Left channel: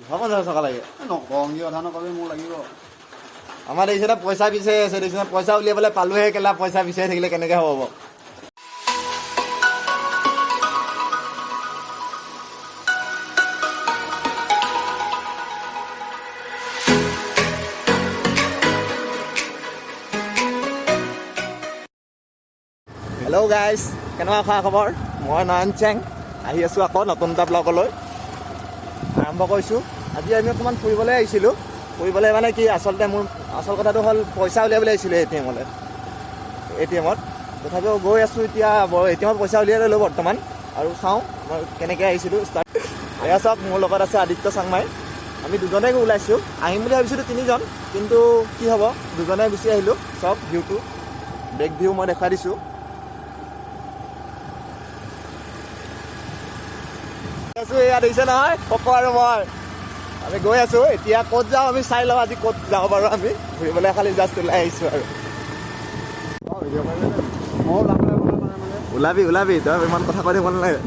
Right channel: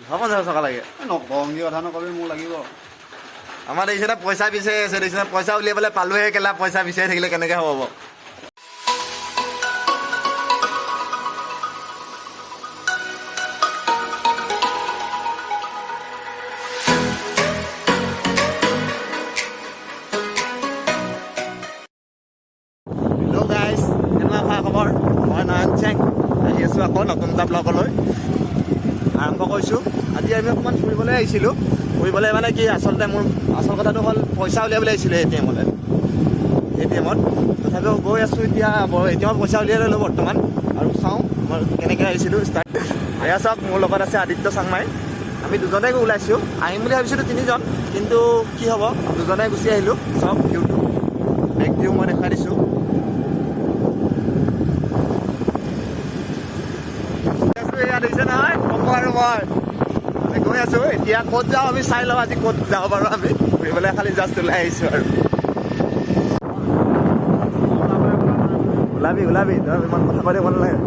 হ'ব 50 টকা লাগে নকওঁ কি কথা নকবি মোক লাগিব আমাৰ দেখিছে পইচা বিচাৰি আছে দেখিছে পইচা উলিয়াবলৈ পালোহে কেলা পইচা বিচাৰি থাকিলে কেনেকৈ হ'ব হেল্ল' গাইজ কেনেকুৱা খা খবৰ মই নয়ন চেং আহি আছোঁ আকৌ নতুন এটা ব্লগলৈ আৰম্ভ কৰিছোঁ আজি আমি অকণমান ফুৰিবলৈ আহিছিলোঁ ফুৰিবলৈ মানে কি আচলতে মোৰ আচল কথাটো হ'ল পইচা উলিয়াবলৈ আহিছিলোঁ এ টি এমত তথাপিও গৈ আছোঁ এতিয়া এটিএমত পইচা উলিয়াই ল'লোঁ বৰ্তমান আৰু চাওঁ মই কেনেকৈ আহিছিলোঁ ষ্টাৰ্ট এয়া চাওক মোৰ লগত আছে আদিত্য চাংমাই আমি দুজনে ওলাইছোঁ আহিম বুলি ভাবিছিলোঁ 3জন কিন্তু কি হ'ব দুজনে গুচি আহিলোঁ চাওক ভিউটো বেক ভিউ মই দেখাই দিছোঁ এয়া দেখিছে নহয় পকো আৰু মই গৈ আছোঁ এতিয়া ক'ত যাওঁ আমি চাই লওঁ আজি ক'ত যাব পাৰোঁ আমি ফুৰিবলৈ খালি জাষ্ট ওলাই আহিছোঁ আৰু ওলাবি তই ইমান কথা কৈ দিব নালাগে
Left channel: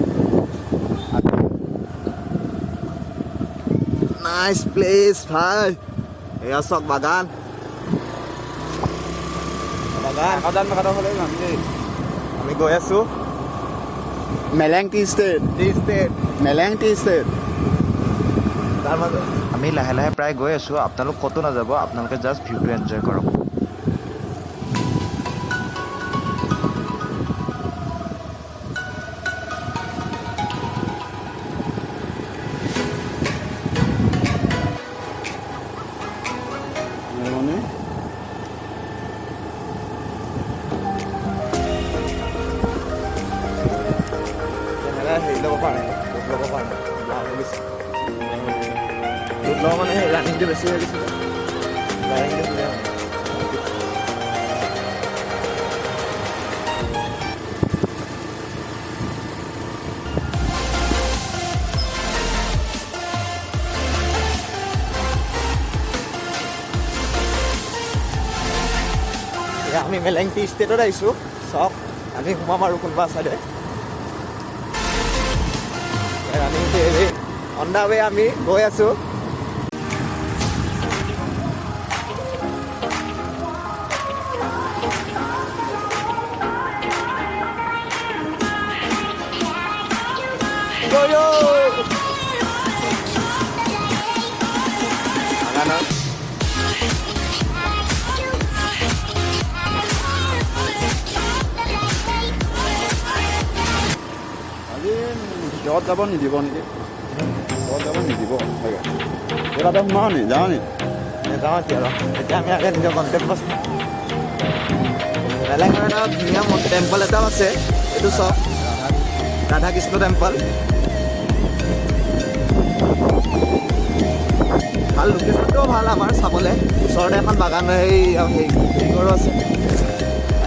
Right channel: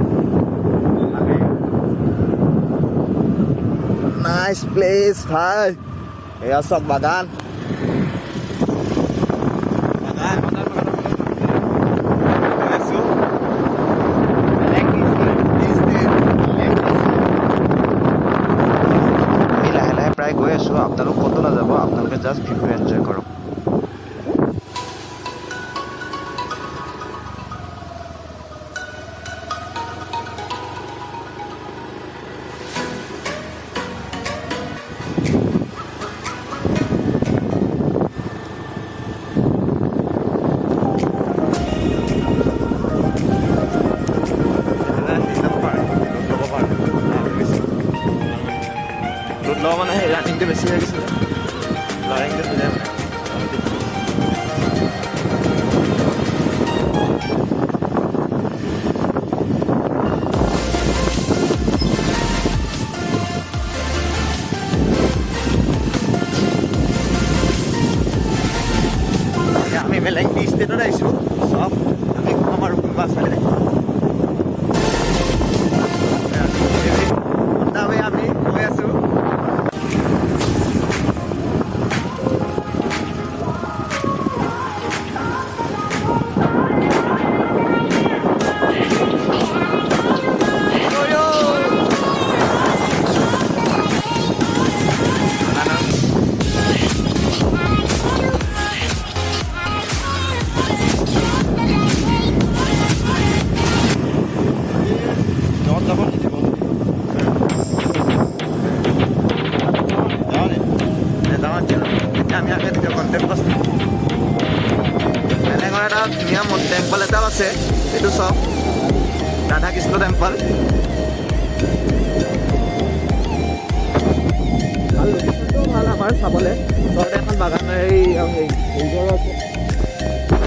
নাইচ প্লেচ ভাই এয়া চাওক বাগান গৈ আছোঁ আমি লাহে লাহে প্ৰায় গৈ আছোঁ আপোনালোক ক'তো নাযাব আপোনালোকে জাষ্ট ভিউটো এনজয় কৰক লওঁ মানে সেই ৰানিংটো বেছি হৈ গৈছিলে ৰানিংটো বুজাই আমি মেলেংটি ষ্টেটত আহিছোঁ চব আমি কম আৰু কোনোবা চালে অন দা ৱে আমি গৈ আছোঁ যাব নিদিব নেকি নেযাওঁ এতিয়া আমি আগে নিজৰ কণ্টেক্ট আছে মেলেঙৰ এটা ধুনীয়া টেম্পল এটাও আছে এইটো চাওক ৰাধা কৃষ্ণ টেম্পল ভাল লোকেশ্যনটোও ভাল আমাৰ চাবলৈ ওচৰতে এখন বাগান হেৰিঘৰো আছে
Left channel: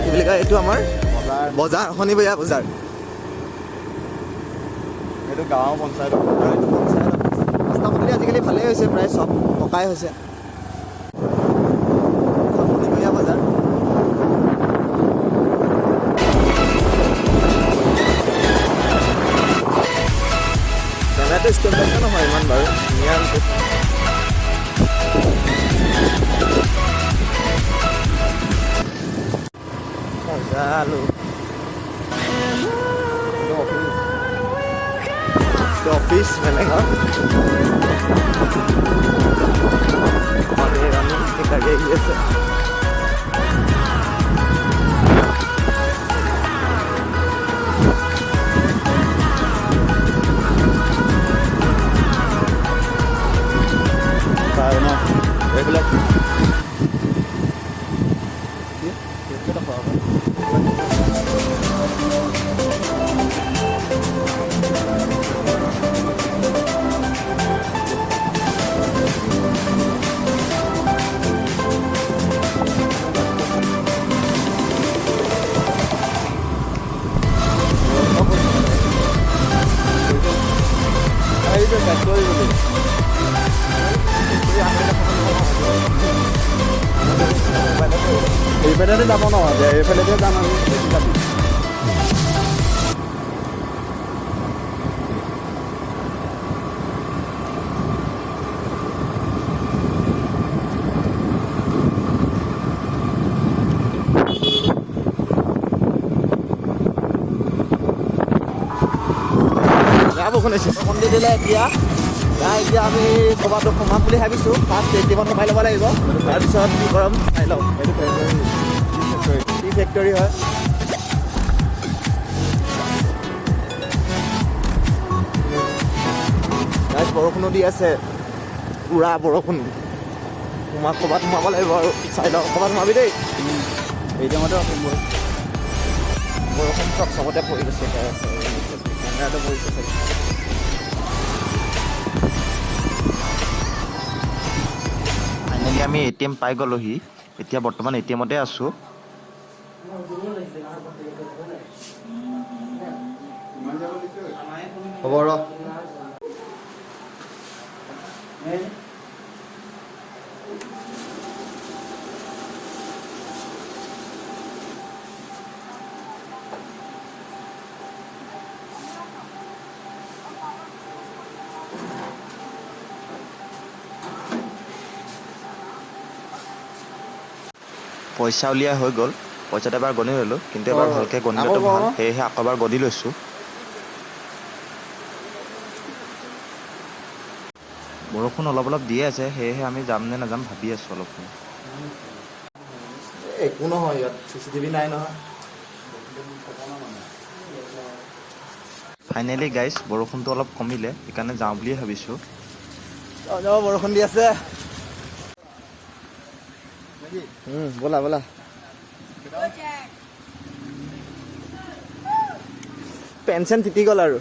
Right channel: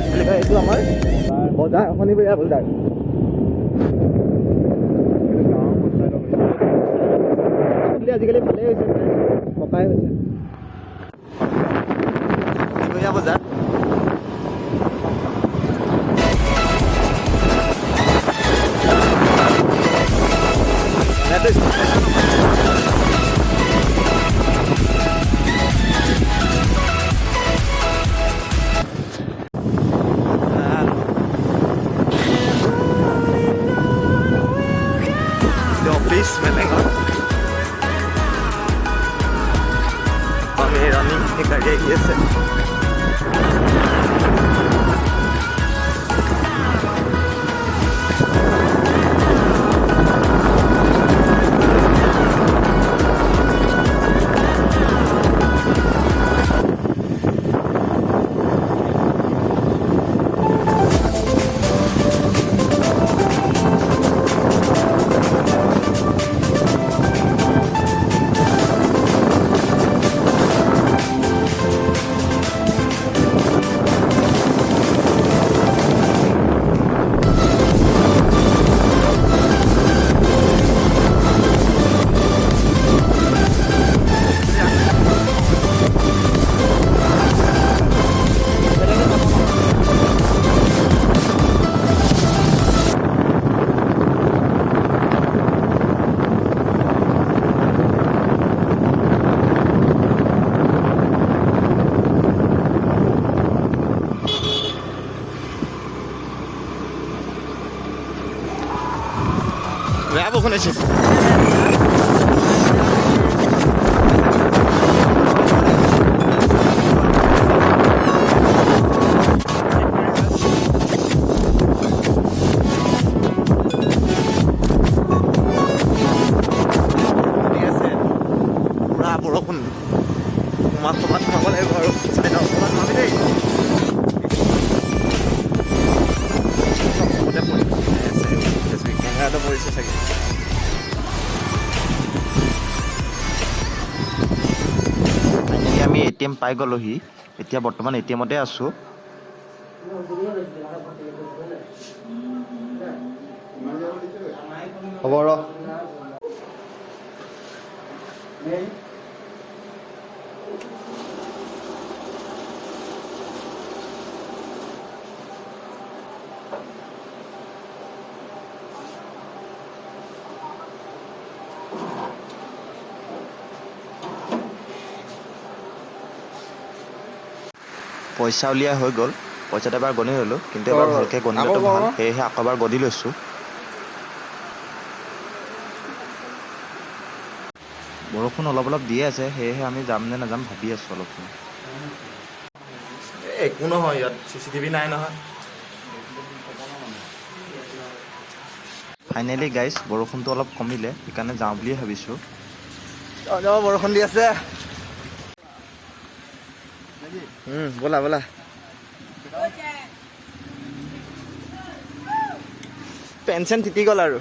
কি বুলি কয় এইটো আমাৰ বজাৰ শনিবৰীয়া বজাৰ এইটো গাঁও পঞ্চায়ত ৰাস্তা পদূলি আজিকালি ভালেই হৈছে প্ৰায় চব পকাই হৈছে শনিবৰীয়া বজাৰ জেগাটো স্কুল নহয় অফিচ মেলেঙৰ আমি ৰানিং গাড়ী আহি আছে বৰষুণ হৈছে দি দিলে এতিয়া এতিয়া আমি ক'ৰবাতো সমান বুলি থাকিছোঁ তাত বেছিকৈ সোমাই ল'ব লাগিব তাৰপিছত ফেক্টৰী হয় বৰষুণো দি আছে পুৰা বৰষুণ ক'ৰবাত সোমাব লাগিব আৰু চাই লওঁ ক'ৰবাত সোমাবি দেই বৰষুণ চবতে পৰিছে কেমেৰাটো পৰিছে চাগে ফাইনেলি আমি ATM পাই গ'লোহি এতিয়া বৰ্তমান ATMতে আছোঁ হ'ব ৰ পইচা উলিয়াই হৈ গ'ল পইচাটো এবাৰ গণি ল'লোঁ কিন্তু এবাৰ ভালকৈ গণিলেতো ভাল সেয়েহে আকৌ এবাৰ গণি লৈছোঁ বৰষুণ অলপ অলপ দিয়ে আছে সেয়েহে আমি যাম নে নাযাম ভাবি আছোঁ অলপ একো নহয় ইয়াত CCTV নাই নহয় ফাইনেলি গাইজ বৰষুণটো অলপ কমিলে সেইকাৰণে যাওঁ বুলিয়ে ভাবিছোঁ বৰষুণ দি আছে ব'লা ব'লা পেঞ্চন তিতি গ'ল আৰু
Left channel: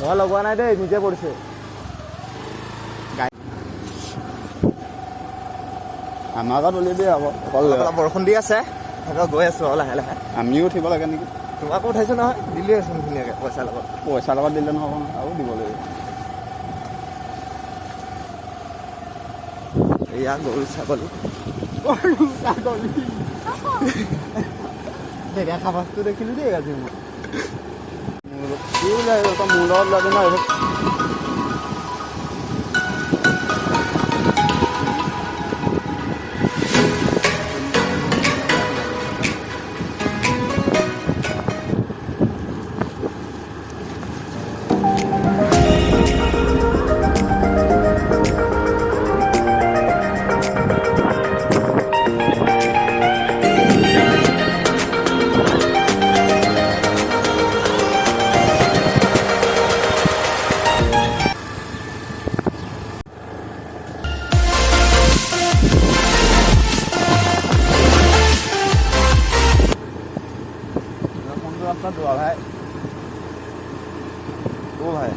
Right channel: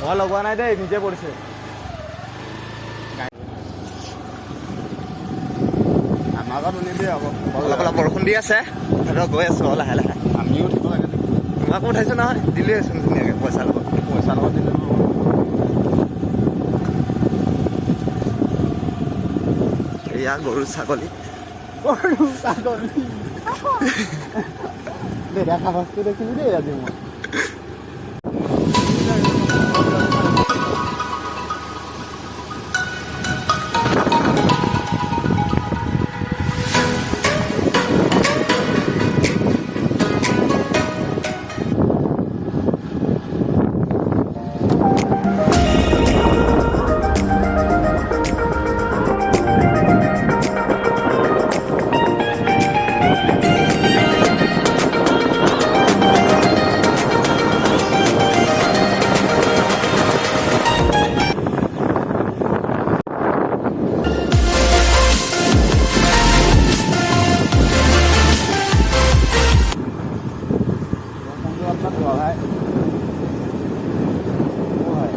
মই লগোৱা নাই দেই নিজে পৰিছে আমাৰ ঘৰত উলিয়াবি আকৌ অলপ অলপ বৰষুণ দি আছে গৈ আছো লাহে লাহে আমিও উঠিব লাগে নেকি তোমাকো উঠাইছো নহয় দিলোৱেচোন ধুনীয়াকৈ পইচাৰ লগত দিলে নহ'ব এয়া গৰু ছাগলী দেখা বস্তু দেখিলো দেই আজি মই ভাই ও ভাই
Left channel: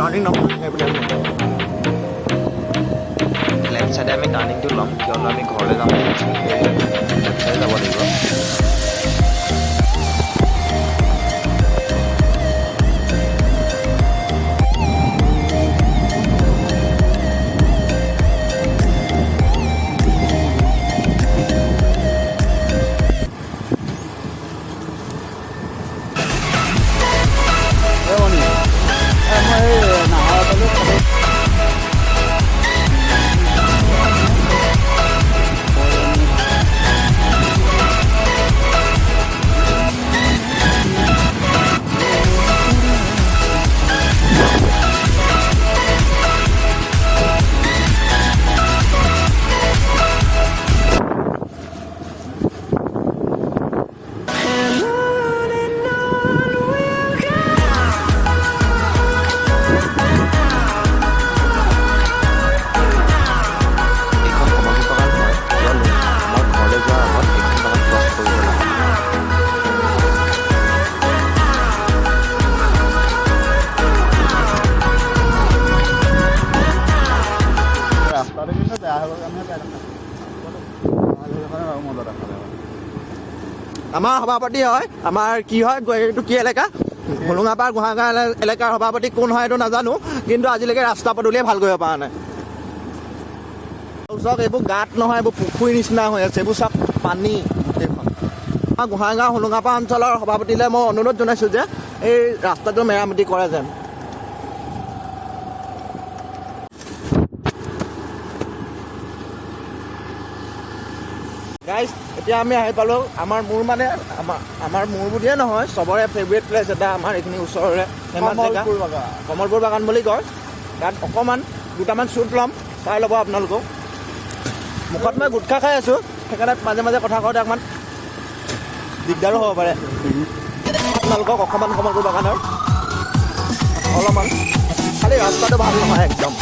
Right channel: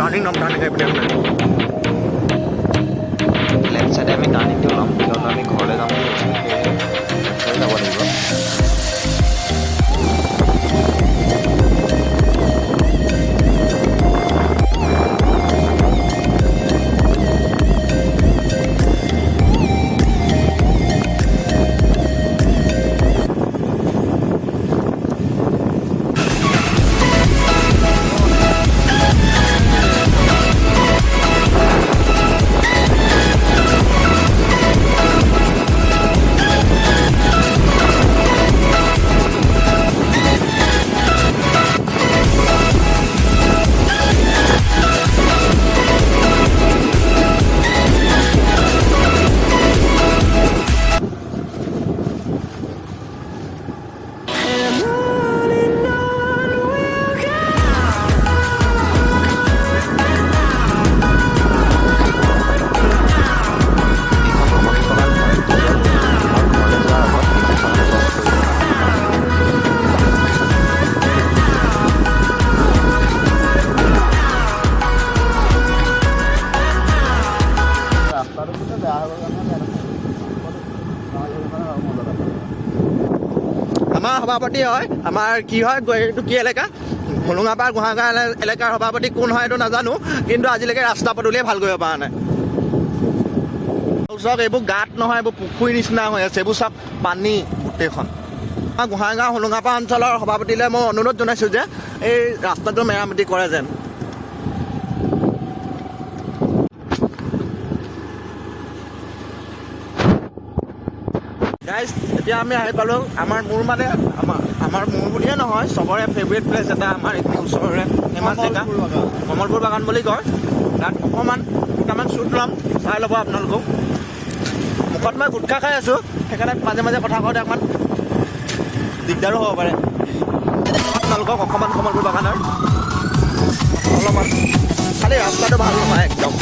টাৰ্ণিং লেফ্ট চাইডে আমি টাৰ্ণিংটো ল'ম কিয়নো আমি ঘৰলৈ যাম বুলি ভাবিছোঁ সেয়েহে লেফ্ট চাইডে যাব লাগিব আমাৰ সভাপতি হয় আমাৰ কি হয় এইটো কি এলেকা হোলোঙাপাৰ গোহাঁইগাঁও এলেকাৰ সভাপতি কোন হয় এইটো নাজানো কিন্তু আজিলৈকে ৰাস্তা পদূলিয়ে ভাল কৰিব পৰা নাই চাওক এইবোৰ গাঁত নহয় এইবোৰ পুখুৰী নিচিনা হৈ আছে এইবোৰ চব পানী গোটেইখন আমাৰ গোহাঁইগাঁও হোলোঙাপাৰ অঞ্চলৰ সভাপতিলৈ মই অনুৰোধ জনাইছোঁ যে এই ৰাস্তাটো মেৰামতি কৰে যেন গাইজ এতিয়া আমি আহি পালোঁ আমাৰ মোৰ মানে আমাৰ মোৰ বুলিয়ে নহয় চবৰে ফেভৰেট প্লেচ এটা আমাৰ এইখিনি ওচৰৰে ফেমাছ জেগা কমলপুৰ বাগান বুলি কয় তাত অকণমান দুটামান শ্বুট ল'ম চাই ল'ব আপোনালোকক মুখত মই গুটখা খাই আছোঁ সেইকাৰণে মাজে মাজে কথা কওঁতে অকণমান দিগদাৰো হ'ব পাৰে আপোনালোকক অকণমান কমলপুৰ বাগানৰ অলপমান খালি ৰাস্তাটো ভাল নহয় একদম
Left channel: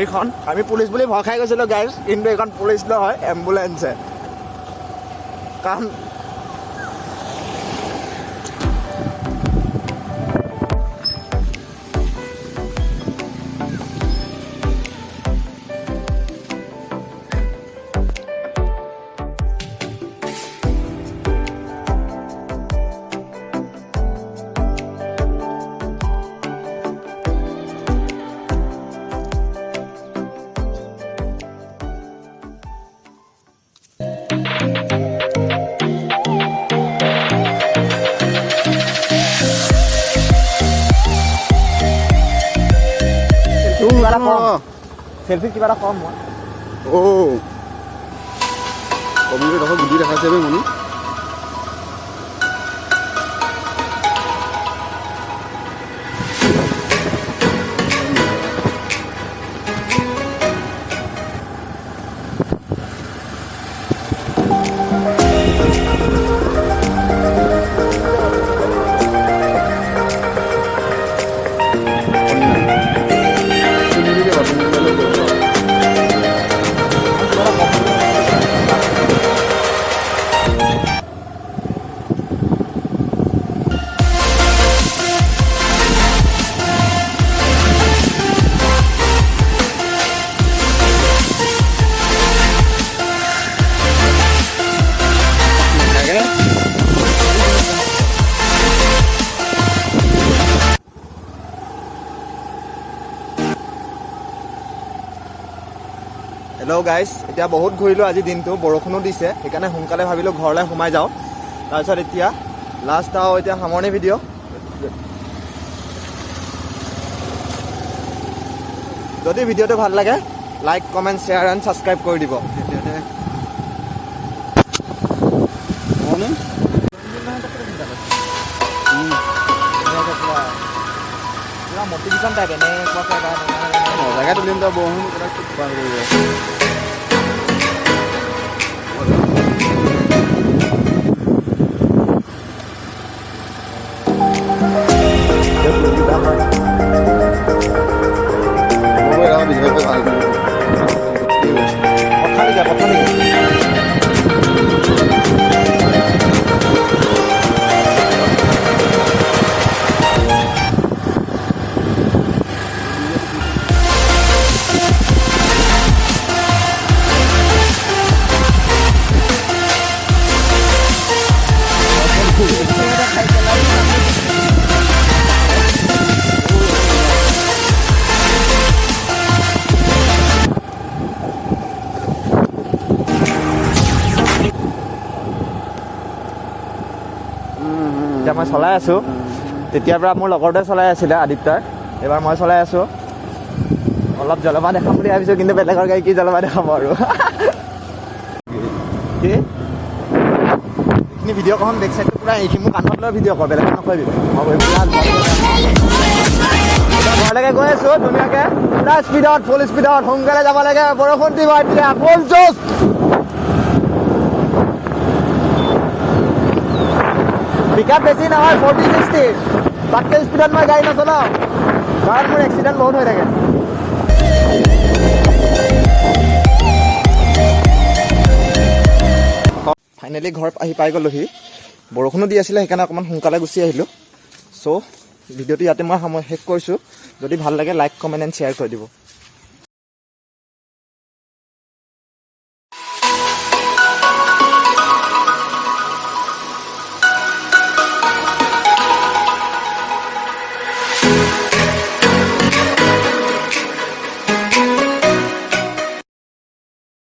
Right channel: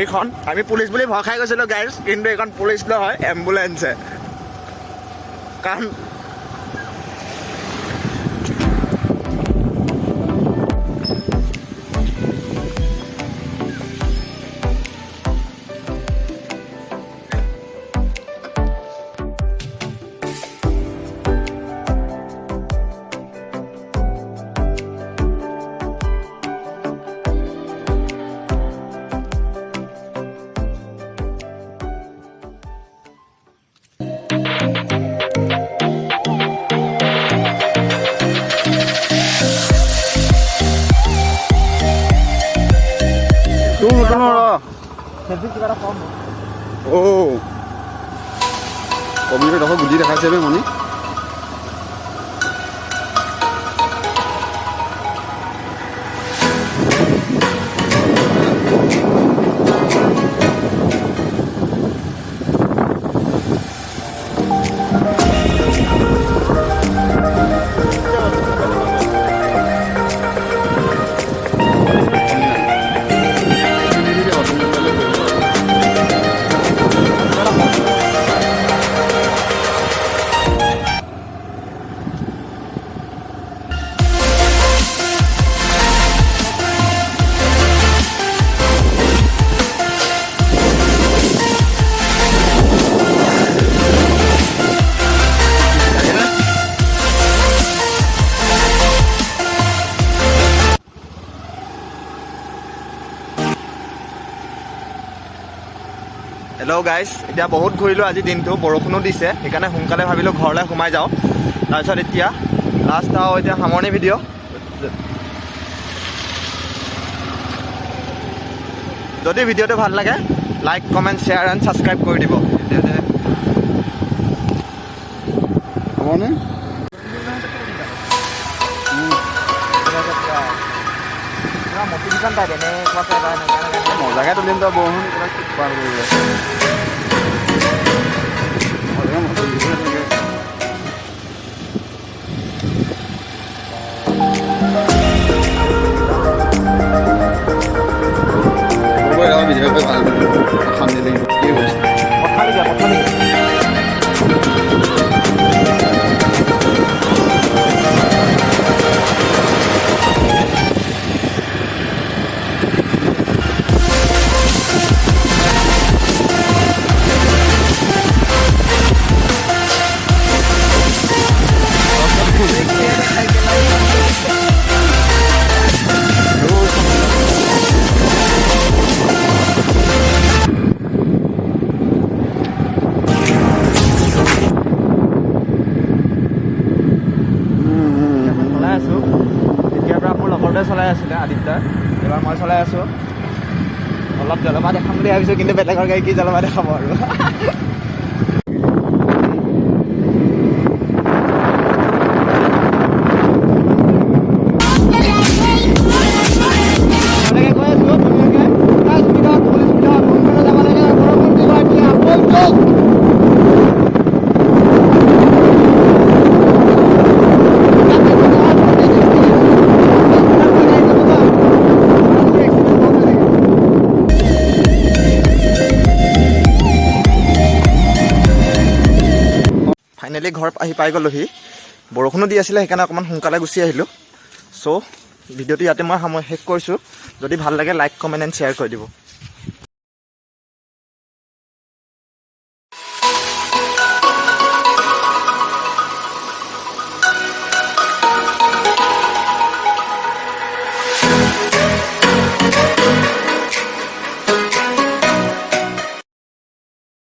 এইখন আমি পুলিচ বুলি ভয় খাই গৈছিলোঁ গাইজ কিন্তু এইখন পুলিচ নহয় এম্বুলেঞ্চে কাৰণ সেলফি কিবা এটা কম মই কবিটো দেখোন গুটি দেখাইছে বে মনি হেল্ল' গাইজ এতিয়া বহুত ঘূৰিলোঁ আজি দিনটো বৰষুণো দিছে সেইকাৰণে সোনকালে ভাবিলোঁ ঘৰলৈ সোমাই যাওঁ তাৰপিছত এতিয়া লাষ্ট আৰু এতিয়া সামৰণি ভিডিঅ' যদি ভিডিঅ'টো ভাল লাগে like comment share and subscribe কৰি দিব মটিভেশ্যন টাইপ মজাকে তুলিম তই বৰষুণ পাৰ কৰিব মই চলাই আছোঁ তেতিয়াৰ পৰা মোৰ লগৰটোৱে চলাই আছিলে আদিত্যাৰ এইবাৰ মই চলাই আছোঁ অলপ জলবা দেখাম বুলি ভাবিছোঁ কিন্তু বেলেগৰ গাড়ী কি জলবা দেখাব আৰু ঘৰলৈকে গৈ আছোঁ ধুনীয়াকৈ চোক এতিয়া বেছি নহয় 40-60 তাতকৈ স্পীডত মই গাড়ী নচলাওঁ কাৰণ মোৰ এক্সিডেণ্ট বহুত হৈ থাকে ফাইনেলি ঘৰ আহি পাই গ'লোহি বৰষুণো দি আছিলে সেইকাৰণে অকণমান সোনকালে গুচি আহিলোঁ চ' ভিডিঅ'টো ইয়াতে মই শেষ কৰিছোঁ যদি ভাল লাগে লাইক কমেণ্ট এণ্ড শ্বেয়াৰ কৰি দিব